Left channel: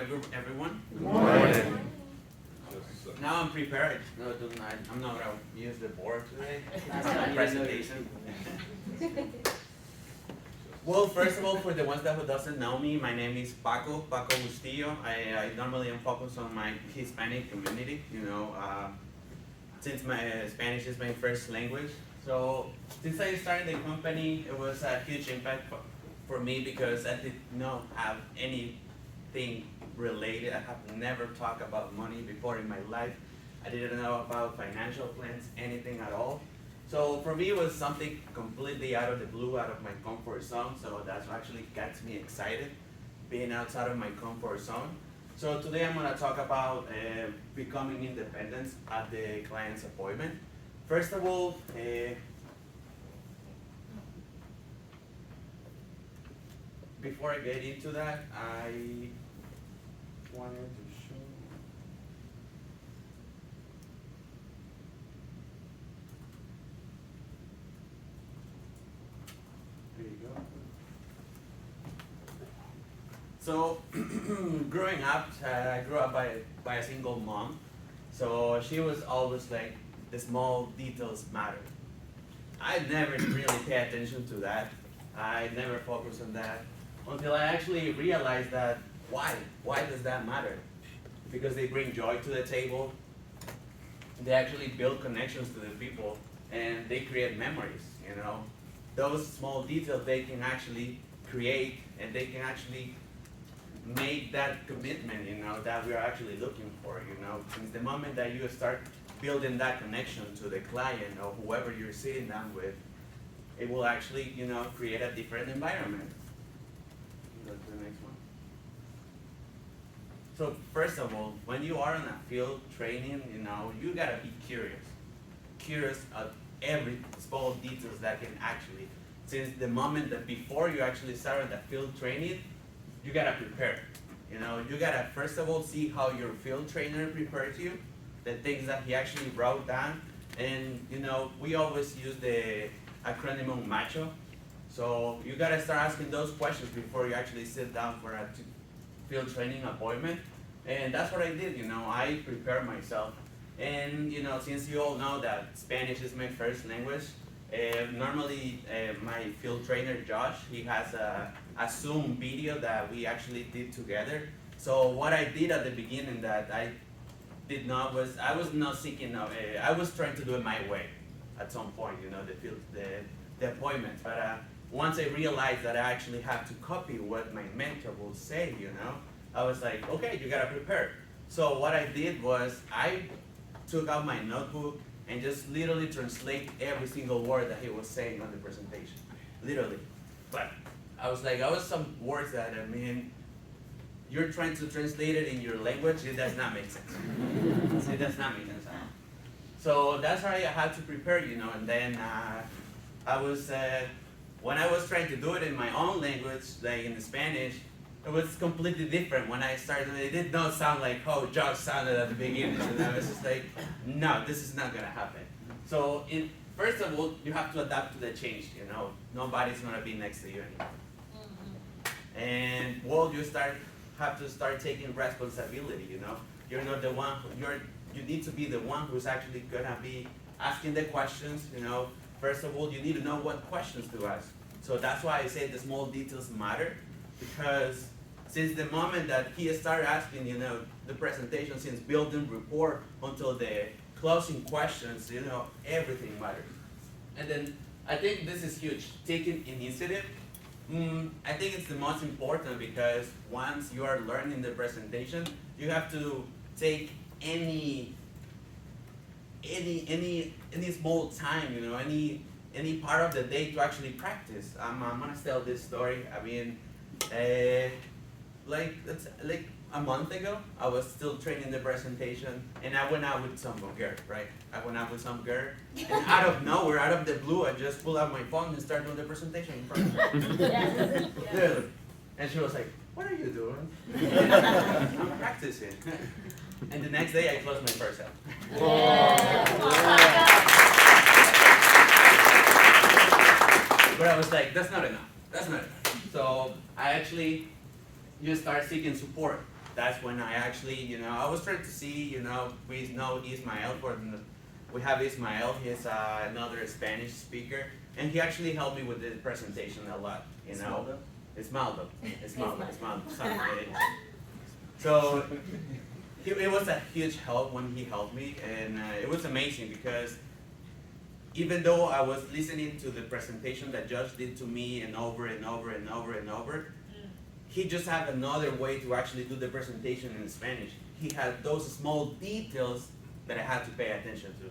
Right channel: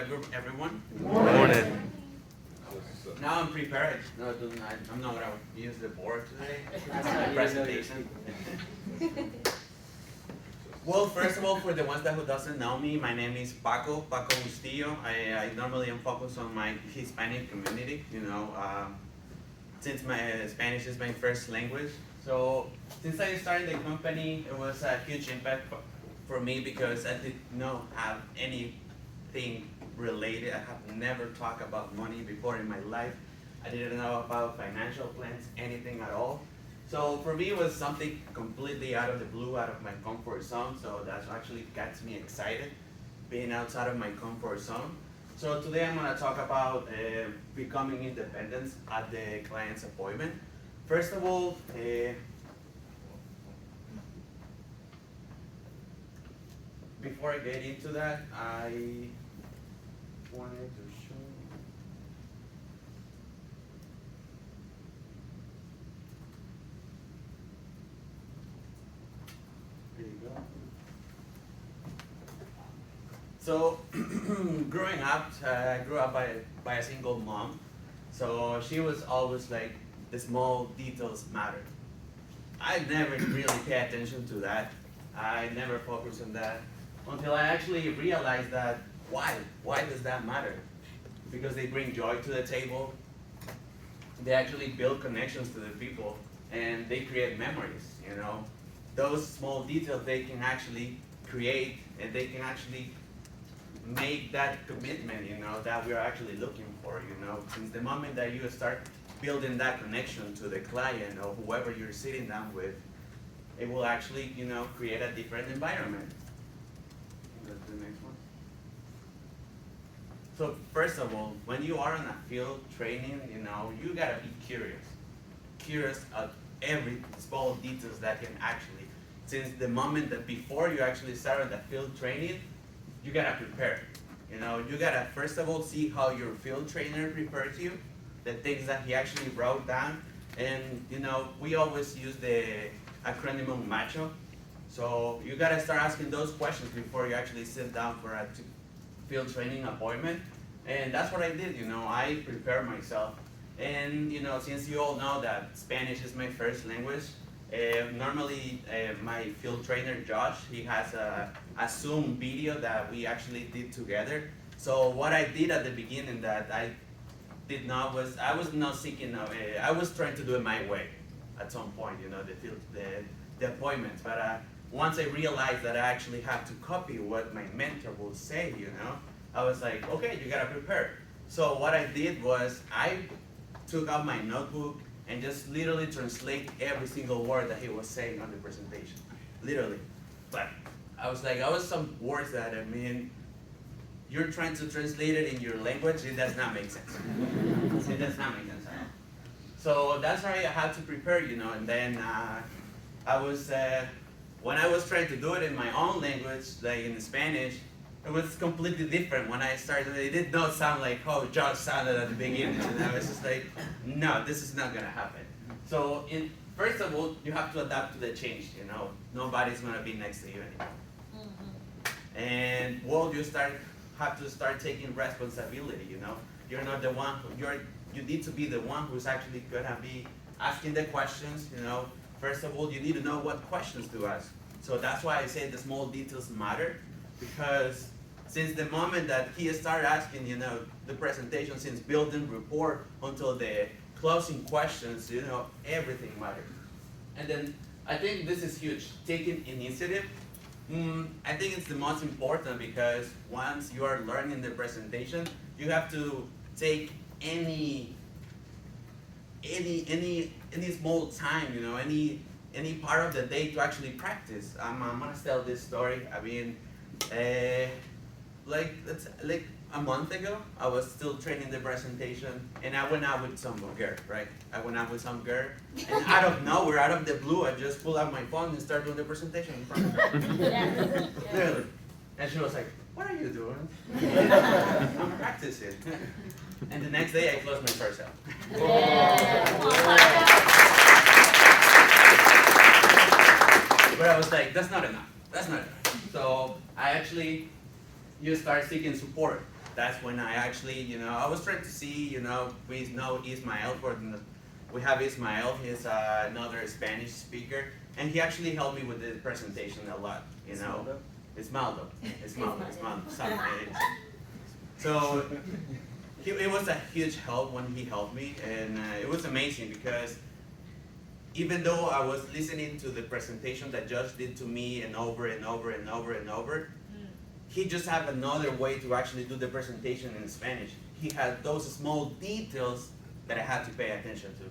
everyone. Morning. Now I'm prepared. No, I'm not gonna use the board today. It's my presentation. Well, first of all, for the ones that who doesn't know me, my name is Paco Bustillo. I normally am focused on my Hispanic community. Since my Spanish is my first language. So since I started the company, it was a huge impact for me because I did not have anything related. I have never talked about money before in my life. I didn't know about financial plans, anything at all. So for me, it was something completely out of the blue, out of my comfort zone. So that's what actually gets me excited, being outside of my comfort zone. So today I'm gonna talk about becoming independent at the client's appointment. First of all, before I get into that, I wanted to show you. There you go. So, growing up, I grew up by a single mom. So she was always like, the small details matter. I never really pay attention to that. I never focused on that until I actually realized that why does that matter? Because they bring joy to the table. They actually build connections to the people and they create memories, Those small details they can actually create and they can actually make that commitment, that we're actually looking for, Since the moment that you start building that connection to the client or whoever you're sitting down with, it will actually, create a different environment. Go to the next one. So first of all, when you are in a field training, you gotta be curious of every small details that can actually, since the moment that before you actually start the field training, you gotta prepare. You gotta first of all see how your field trainer prepared you, the things that he actually wrote down, and we always use the acronym MACHO. So you gotta start asking those questions before you actually sit down for a field training appointment. And that's what I did, I prepared myself. And since you all know that Spanish is my first language, normally my field trainer Josh, he has a Zoom video that we actually did together. So what I did at the beginning that I did not was, I was not seeking, I was trying to do it my way at some point, the appointments. But once I realized that I actually had to copy what my mentor will say, I was like, okay, you gotta prepare. So what I did was I took out my notebook and just literally translate every single word that he was saying on the presentation, literally. But I was some words that, you're trying to translate it in your language, it does not make sense. It does not make sense at all. So that's how I had to prepare, and then I was, when I was trying to do it in my own language, like in Spanish, it was completely different. When I started, it did not sound like how Josh sounded at the beginning, I was just like, no, this is not gonna happen. So first of all, you have to adapt to the change, Nobody's gonna be next to you anymore. And have to start taking responsibility, You're not the one, you need to be the one who's actually gonna be asking the questions, First of all, you need to know what questions to ask. So that's why I say the small details matter, because since the moment that he started asking, the presentation, since building rapport until the closing questions, everything matters. And then I think this is huge, taking initiative. I think it's the most important because once you are learning the presentation, you have to take any small time, any part of the day to actually practice. I'm gonna tell this story. Like a month ago, I was still training the presentation, and I went out with some girl, right? I went out with some girl, and out of nowhere, out of the blue, I just pulled out my phone and started doing the presentation in front of her. Literally. And she was like, "What are you doing?" I'm practicing. And the next day, I closed my first sale. But I was like, that's not enough. So I actually, you start seeking support. that's when I actually, I was trying to see, we know Ismael we have Ismael, he's another Spanish speaker, and he actually helped me with the presentation a lot, Esmaldo. So it was a huge help when he helped me, and it was amazing because even though I was listening to the presentation that Josh did to me and over and over and over and over, he just had another way to actually do the presentation in Spanish. He had those small details that I had to pay attention to,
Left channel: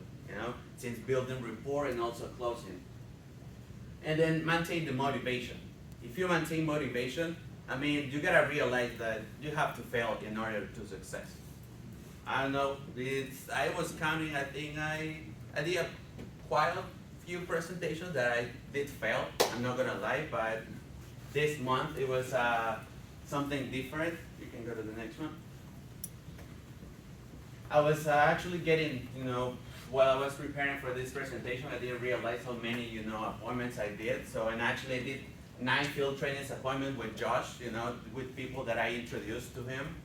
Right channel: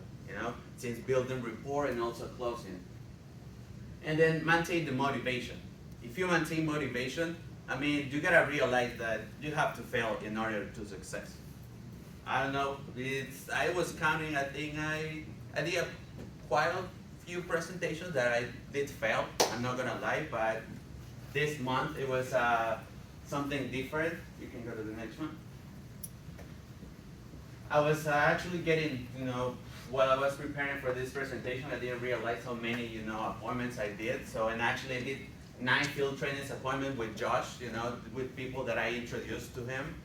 since building rapport and also closing. And then maintain the motivation. If you maintain motivation, you gotta realize that you have to fail in order to success. I don't know, I was counting, I think I did quite a few presentations that I did fail, I'm not gonna lie, but this month it was something different. You can go to the next one. I was actually getting, while I was preparing for this presentation, I didn't realize how many, appointments I did. And actually I did 9 field trainings appointments with Josh, with people that I introduced to him.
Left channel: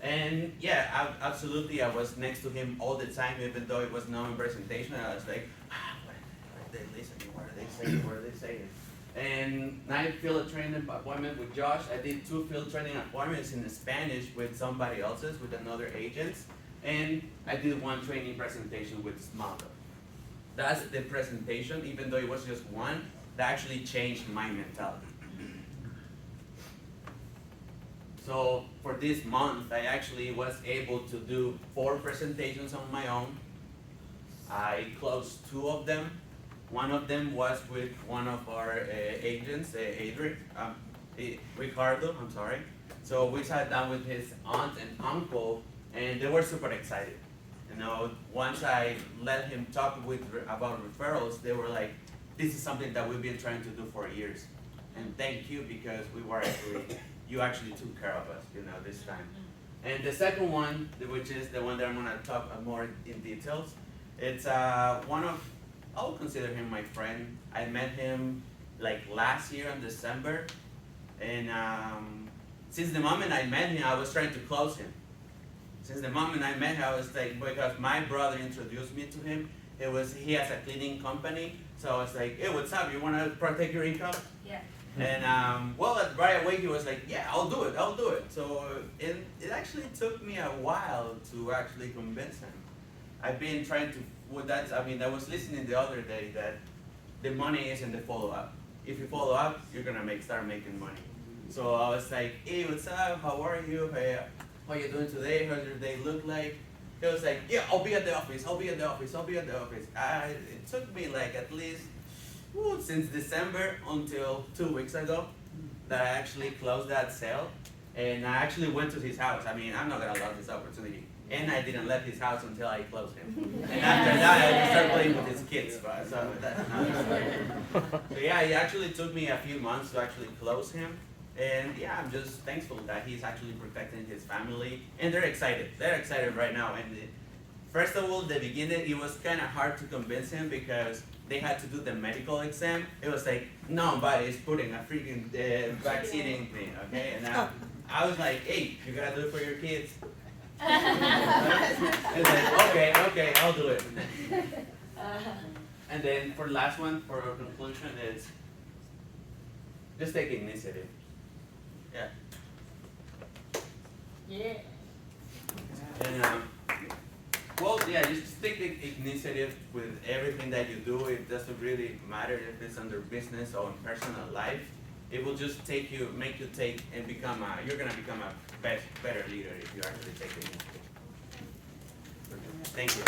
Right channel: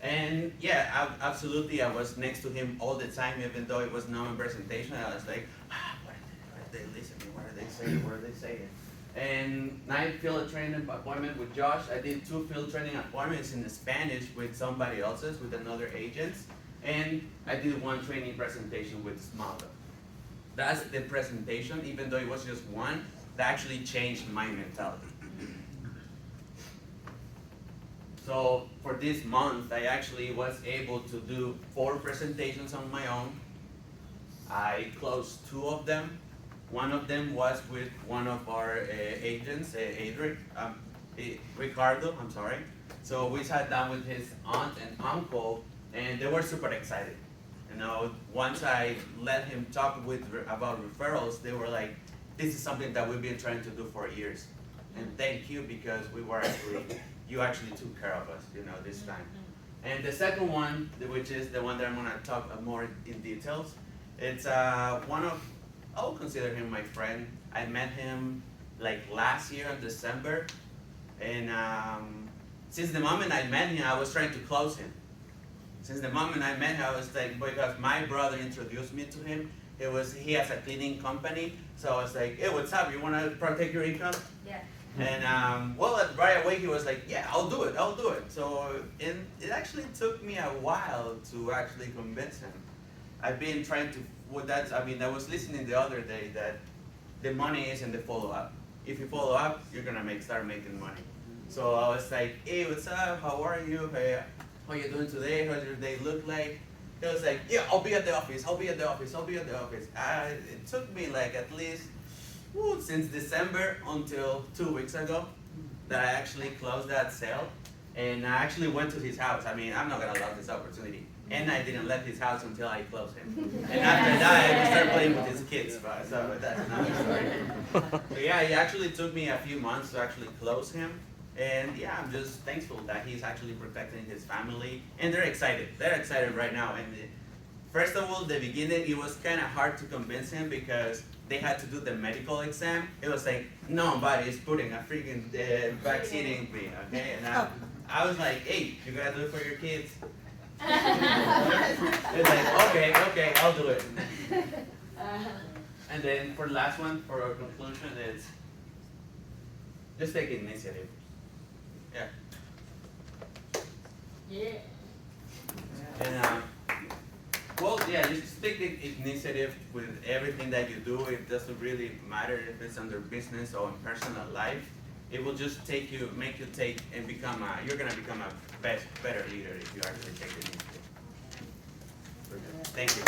And yeah, absolutely, I was next to him all the time, even though it was no presentation. I was like, what are they listening? What are they saying? What are they saying? And 9 field training appointment with Josh. I did 2 field training appointments in Spanish with somebody else's, with another agent. And I did 1 training presentation with Smaldo. That's the presentation, even though it was just 1, that actually changed my mentality. So for this month, I actually was able to do 4 presentations on my own. I closed 2 of them. One of them was with one of our agents, Ricardo, I'm sorry. So we sat down with his aunt and uncle, and they were super excited. Once I let him talk about referrals, they were like, this is something that we've been trying to do for years. And thank you, because you actually took care of us, this time. And the second one, which is the one that I'm gonna talk more in details, it's I would consider him my friend. I met him like last year in December, and since the moment I met him, I was trying to close him. Since the moment I met him, I was like, because my brother introduced me to him. He has a cleaning company, so I was like, hey, what's up? You want to protect your income? Yeah. And right away he was like, yeah, I'll do it. So it actually took me a while to actually convince him. I've been trying to, I was listening the other day that the money is in the follow-up. If you follow up, you're gonna start making money. So I was like, hey, what's up? How are you? Hey, how you doing today? How does your day look like? He was like, yeah, I'll be at the office. It took me like at least since December until 2 weeks ago that I actually closed that sale. And I actually went to his house. I'm not gonna lose this opportunity. And I didn't let his house until I closed him. And after that, I started playing with his kids. So that's another story. So yeah, it actually took me a few months to actually close him. And yeah, I'm just thankful that he's actually protecting his family. And they're excited. They're excited right now. And first of all, the beginning, it was kind of hard to convince him because they had to do the medical exam. It was like, nobody's putting a freaking vaccine in me, okay? And I was like, hey, you gotta do it for your kids. It's like, okay, I'll do it. And then for the last one, for our conclusion, it's just take initiative. Yeah. And just take the initiative with everything that you do. It doesn't really matter if it's under business or in personal life. It will just make you take and you're gonna become a better leader if you actually take the initiative. Thank you.